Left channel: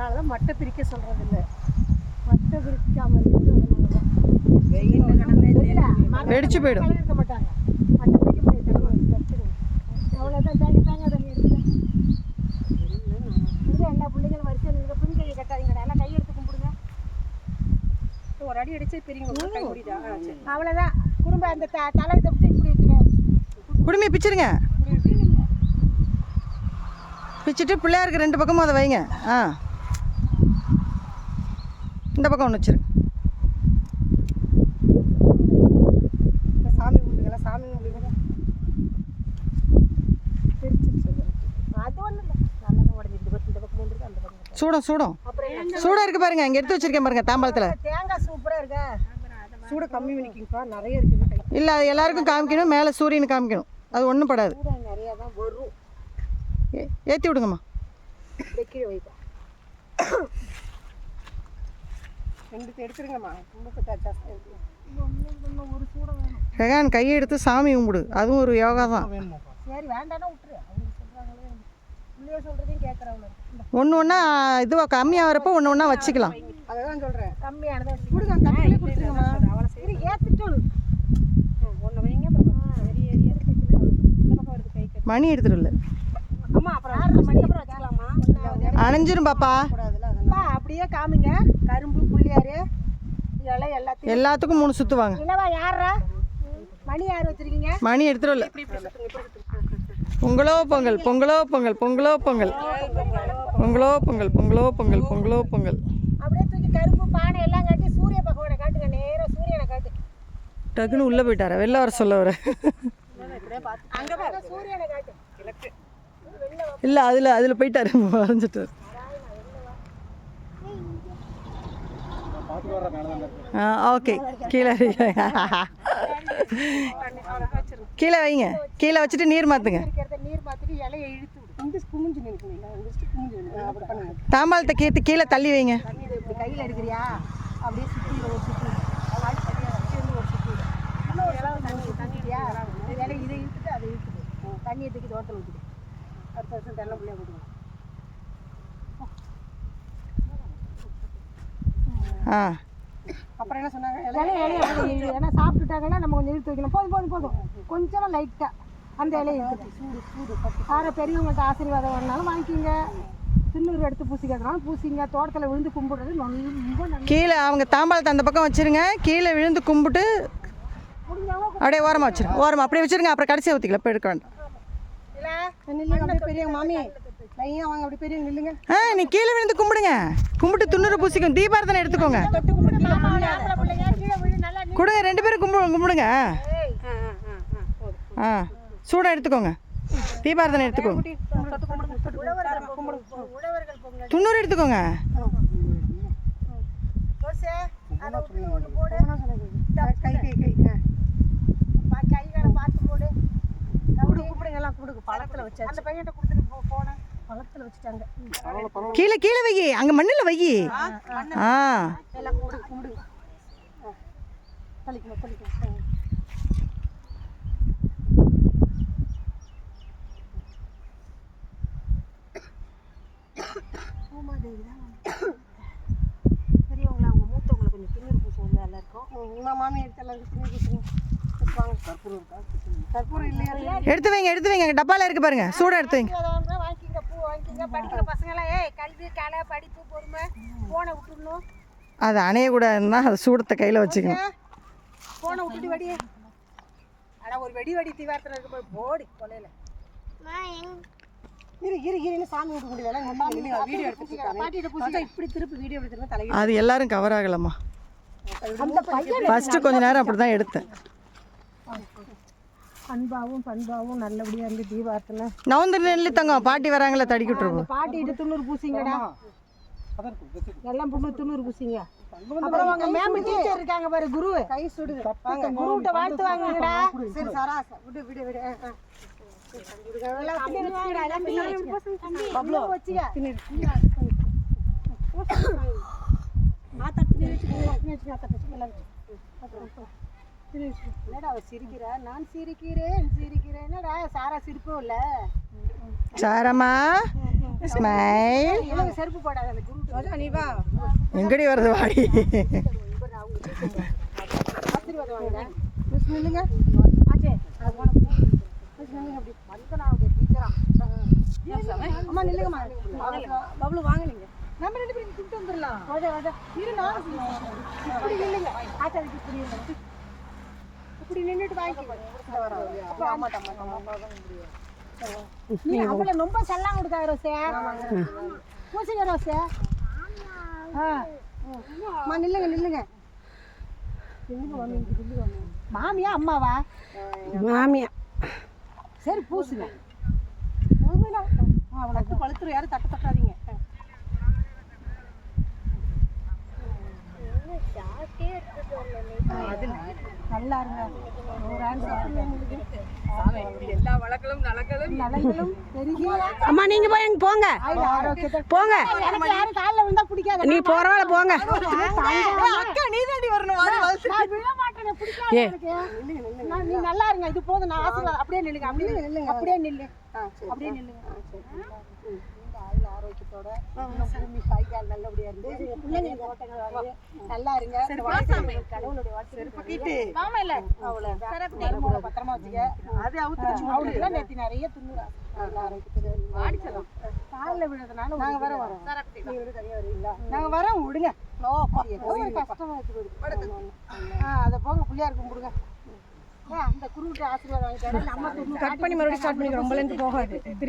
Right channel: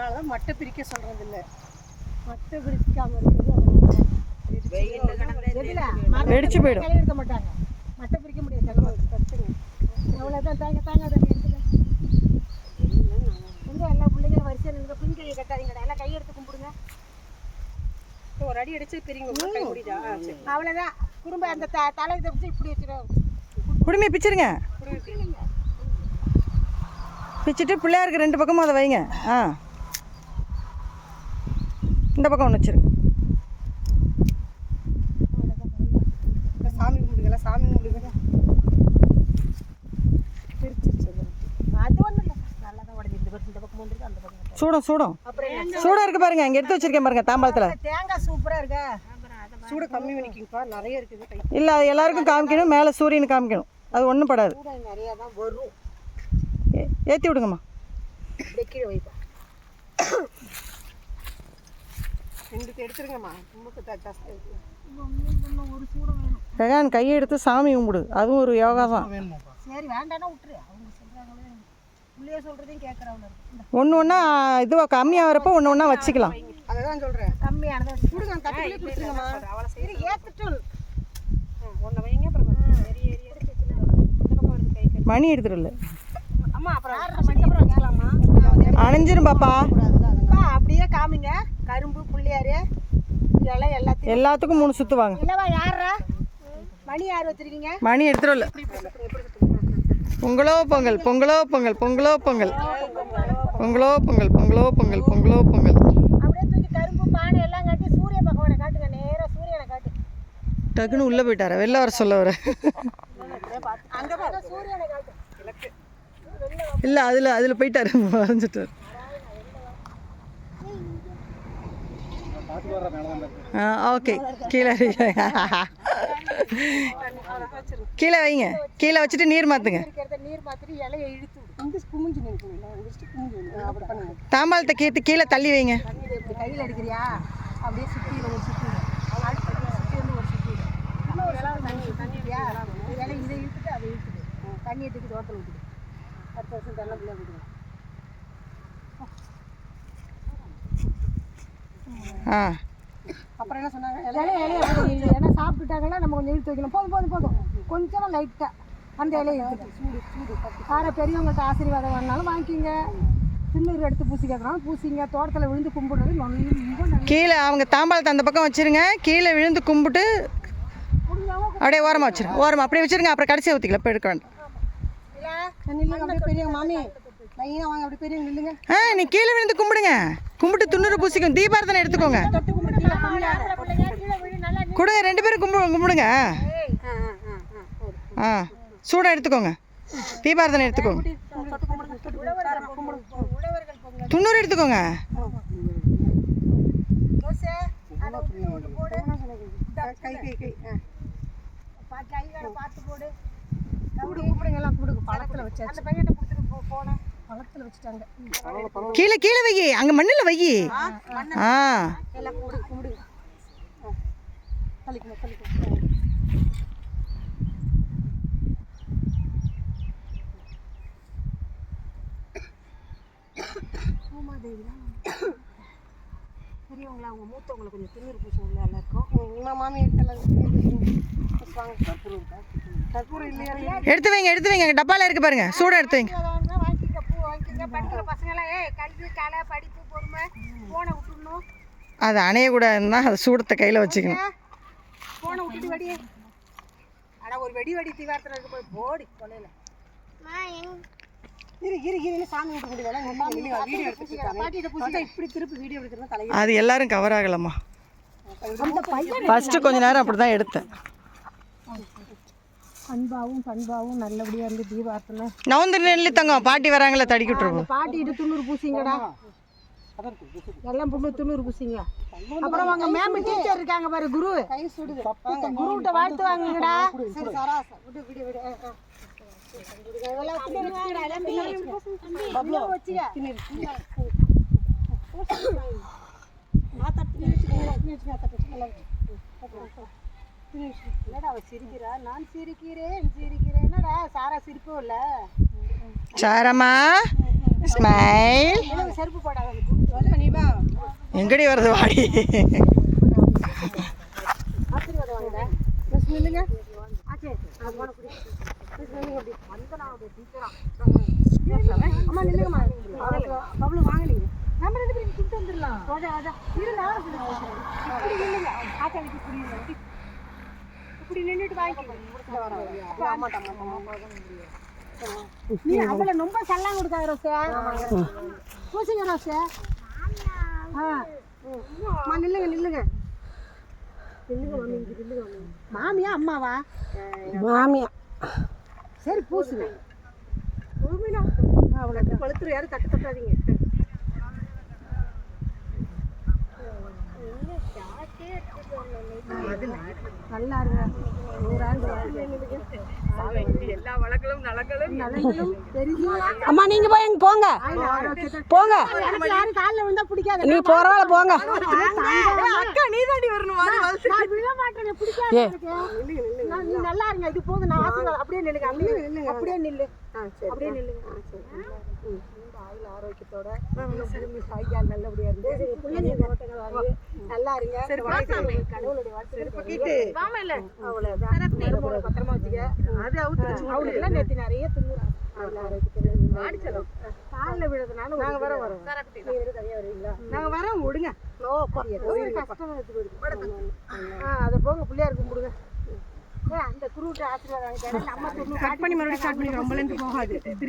அதனால தான் மட்டை பிரிக்க சொல்கிறது இல்லை. மட்டை பிரிக்காமல் இருக்கிறது வெடிச்சு போயிடும். இருக்க மாட்டாங்க, மட்டை பிரிக்க முடியாது. அவ்வளோதான். தாங்க அதை எடுத்துக்க. எல்லா பிள்ளைங்களும் வரிசையில் நின்று பின் கையை கட்டாதீங்கடா, எல்லாம் கையெடுத்து கும்பிடுங்க. ஒரு அடி அடிச்சு பெரியவங்க முடியுதா? அவ்வளோதான். குடும்ப அந்த தலையை தப்பிச்சு இப்படி வச்சுருவோம். குடுமையை பிச்சிருங்க. பிச்சுட்டு பிள்ளையாருக்கு 2 பக்கமும் அதை வைங்க. இந்த பக்கம் ஒன்று வச்சுருங்க. சாமி கும்பிடுங்களா? சாமி கும்பிடுங்களா? அது ஒன்றும் இல்லை, நல்லா தான் உடஞ்சி. இந்த பக்கம் வந்துருக்கு, அந்த பக்கம் சூடம் சூடம் இருக்குது பாருங்க. இங்கே எடுத்து வச்சிருக்கேன் பாருங்க தாம்பாளத்தில். தேங்காய் சூப்பராக இருக்கா? சூட கம்மி பண்ணிக்கிங்கப்பா, நிறைய இருக்குது. இல்லை, அது எல்லாருக்கும் காமிக்கணும். மேலே சூரியனுக்கு காமிக்கணும். அது ஒன்றும் படாது. நிறையா தான் வரும். ஏற்றி விடுங்கம்மா. கீழே வைப்பா. 2 எடுத்துருங்கம்மா. ரொம்ப ஜாஸ்தியாக இருக்குது. ஒரு சூடம் வேணும். ரெகான் கையை எடுத்து சாமி கும்பிடு. அதுவும் ஒரு யோகா தான். சரி, வேண்டாம்னா விட்டுரு. அவங்க சொல்கிறாங்களே, பிள்ளைய சொல்கிறதையும் கேட்குறவங்க. ஒன்று ஒன்றா இதுவாக கம்மியாக வரப்போ ஒன்று ஒன்றா வச்சுக்கலாம். அதை தான் சொல்கிறேன். கம்மியானதை கொடுங்க. தண்ணி கொடுத்துருங்கம்மா. அவ்வளோ சரி, ஏற்றுட்டோம். ஒன்று வைங்க. அப்புறம் மணி எடுத்துட்டு இல்லை. அம்மா அப்புறம் வச்சுக்கலாமா? அணைஞ்சிரும் பாப்பா. அப்படியே காமிங்க. கரும்பு, புள்ளியாரு, இலை எல்லாத்துக்கும் 3 சுற்று வாங்க. இல்லைவா? யாரா மணி யார் வச்சுருக்கீங்க? மணி எடுத்துட்டு இல்லை. பொங்கலோ பொங்கல், பொங்கலோ பொங்கல், பொங்கலோ பொங்கல், பொங்கலோ பொங்கல், பொங்கலோ பொங்கல், பொங்கலோ பொங்கல். அப்படியே தூக்கி கரும்பு, பானை எல்லாம் காட்டி சூரிய பகவானை காட்டுங்க. நேராக சூரியனை காட்டு. டக்குன்னு உள்ளே போயிட்டார. வெளில வர சொல்ல வர. சூரியனை காட்டு. இல்லை, அதில் போயிட்டாரு. வரைஞ்சிட்டார். ஓகே. கீழே வைங்க. கீழே வச்சுட்டு நீர் மாற்றுங்க. தாம்பாளத்தை கேட்டு கீழே தள்ளி வைங்க. கையில் எடுக்கிறியா? அப்படியே சுற்றி ஒரு சுற்றி இதை இழுத்துட்டு அதை இழுத்துட்டு தண்ணியை தூக்கி தோட்டத்தில் ஊற்றிட்டு அடுத்த வருஷம் தெல்ல பிள்ளையா கொடுங்க. அப்புறம் என்ன சொன்னாங்க? ஏன்னா சாப்பிட்டுட்டாங்கன்னா நம்ம கொஞ்சம் இழுத்து வைக்கணும். போதும் கொஞ்சமாக லைட்டாக அந்த இலையை சூடு யாரை பெரியவங்கள்ட்ட ஆசீர்வாதம் வாங்கினாலும் வாங்கிக்கிங்க. துண்ணூறு எடுத்து பூசிக்கிறதுனாலும் பூசிங்க. தோட்டத்தில் விழுந்து கும்பிடுறது ரொம்ப நல்லது. கீழே அவங்க தாம்பாளத்தை அந்த பக்கம் வச்சுருங்க. கீழே விழுந்து கும்பிட்டு அப்படியே ஓரமாக வச்சுருங்க. ஓரமாக அப்படியே வச்சுருங்க. அப்புறம் கடைசியாக ஊற்றிக்கலாம். இப்போ எடுக்க வேண்டாம். அப்படியே பெரியவங்க மாமி லைனாக வாங்க. அப்படி பெரியவங்க நில்லுங்க. நீ கீழே விழுந்து கும்பிடுங்க. கும்பிட்டு துண்ணூறு பூசிக்கும். தீபாரதனை எடுத்துக்கோங்க. கொடுங்க. 2 பேரும் கும்பிடுங்க. சூடம் எடுத்துக்கோங்க. தீபாரதனை எடுத்துக்கோங்க. துண்ணூறு எடுத்துக்கோங்க. கைகளை பார்த்து போடு. கூப்பிடுங்கலாம் கூப்பிடுங்க. பழத்தில் வச்சு அந்த பையன்கிட்ட கொடுத்துட்டு போனேன். பழத்தில் வச்சுட்டாங்க. கீழே வை. அங்கே மண்ணில் வை. எல்லாம் கும்பிடுங்க. தள்ளிக்கணும். பூமாதேவி தான் பெரியவங்களா? அவங்க மூத்தவங்களை கொஞ்சம் திண்ணூறு பூசம் எல்லாருக்கும். மாமி கற்பூரம் இல்லையா? எடுத்து வைங்க. டப்பால இருக்கு பாருங்க. சூட எடுத்து வைங்க. வாங்கிக்கிங்க. பூ வாங்கிக்கிங்க. படிக்கிற பசங்களாம் கல்வி, கலை, படிப்பு, பொறுமை போனை விட்டுடணும். அது அணையக்கூடாதுன்னா அது சூடத்தை கையில் வச்சுக்கணும். போனை விட்டுட்டு வெடி. ஆனால் ஒரு வெடி தீவாரத்தில் இருக்க போய் போடி கொலையில் இரு சாமி விட்டு முடியல. வீடியோ எடுத்துட்டு இப்படி திருப்பி வீடியோ எடுத்துருந்தா தலை. அது எல்லாரும் கவர் ஆகலாமா? ஃபஸ்ட்டு கொஞ்ச நேரம் அப்படி தான் எடுத்தேன். பண்பாவும் நல்லபடியாக இருந்து தீபார்த்தனை நவுந்து நெல்லி தங்கம். பாட்டி வராங்களே தடிக்கி விட்டுருவோம். பாட்டிட்டு துண்ணூறு பூசிங்கடா. எல்லாம் துண்ணூறு பூசிங்க. அப்புறம் அவங்க மேம் டீச்சர் இருக்காங்க பாரு, குரு. கை சுடுது. குருவிட்ட வாழ்த்து வாங்குங்கடா. சரி சராசா விடு. சிரிக்கிறா. நான் சிரிக்கிறேன். என்னடா சாரா சிரிப்பும் இல்லை. சாரம்மா ஸ்மைல். செருப்பு போடாத நீ வா. எங்கடி வருது வாடி. ஆசீர்வாதம் வாங்க. மிஸ் நில்லுங்க. ஆச்சே அம்மா நில்லுங்கம்மா. பப்ளு வாங்க நீங்க. நம்ம 2 பேரும் கூப்பிட்டு வந்துடலாம். இரு நானும் இப்படி நில்லுங்க. ஆச்சாரிக்கு புரியுங்க. இப்படி நின்றுட்டு வாங்கிக்கோங்க. நீ அதில் ரொம்ப சல்லாம் கொடுக்காத ரோசே. பூசிங்க ரோசே. அம்மா நில்லுங்க நில்லுங்க. மாமியா அம்மாவா? மாமியா. சரி பூசுங்க. அவ்வளோ பழுத்துரு. யாரும் தட்டு தட்டாதீங்க. நல்லா இருங்க. எல்லா வழக்கலும் நலங்களும் தெரியும். அம்மா நீங்க போய் அங்க போங்க போங்க. எனக்கு யாரும் காலில் விழுந்தா பிடிக்காது. நீ போறவால போங்க. அக்கா நீ தாண்டி வரணும். நான் விழ மாட்டேன். பிடிக்காது எனக்கு. நீ நல்லா இருங்க. இது போதும். நான் ஆசீர்வாதம். அப்படியே நில்லுங்க. அப்படியே நில்லு. அப்படியே நில்லுங்க. ஆரோக்கியத்தோட நல்லபடியா இருக்கு. நல்லா இருங்க. கடவுளோட பத்திரமா வச்சுக்க. அது அவளுக்குலாம் நேற்று நிறைய துண்ணுறான். காலில் விழுறதுனால நாங்கள் வரோம். நாங்கள் வரோம். விடுங்க. கஷ்டமா வச்சு அதை போங்க. பிள்ளையார் கும்பிடுங்க. அந்த குருட்டு ஆசீர்வாதம் வாங்கிட்டாரு. நம்ம கட் பண்ணி மறுபடியும் ஸ்டார்ட் பண்ணிக்கிறோம். போகாது.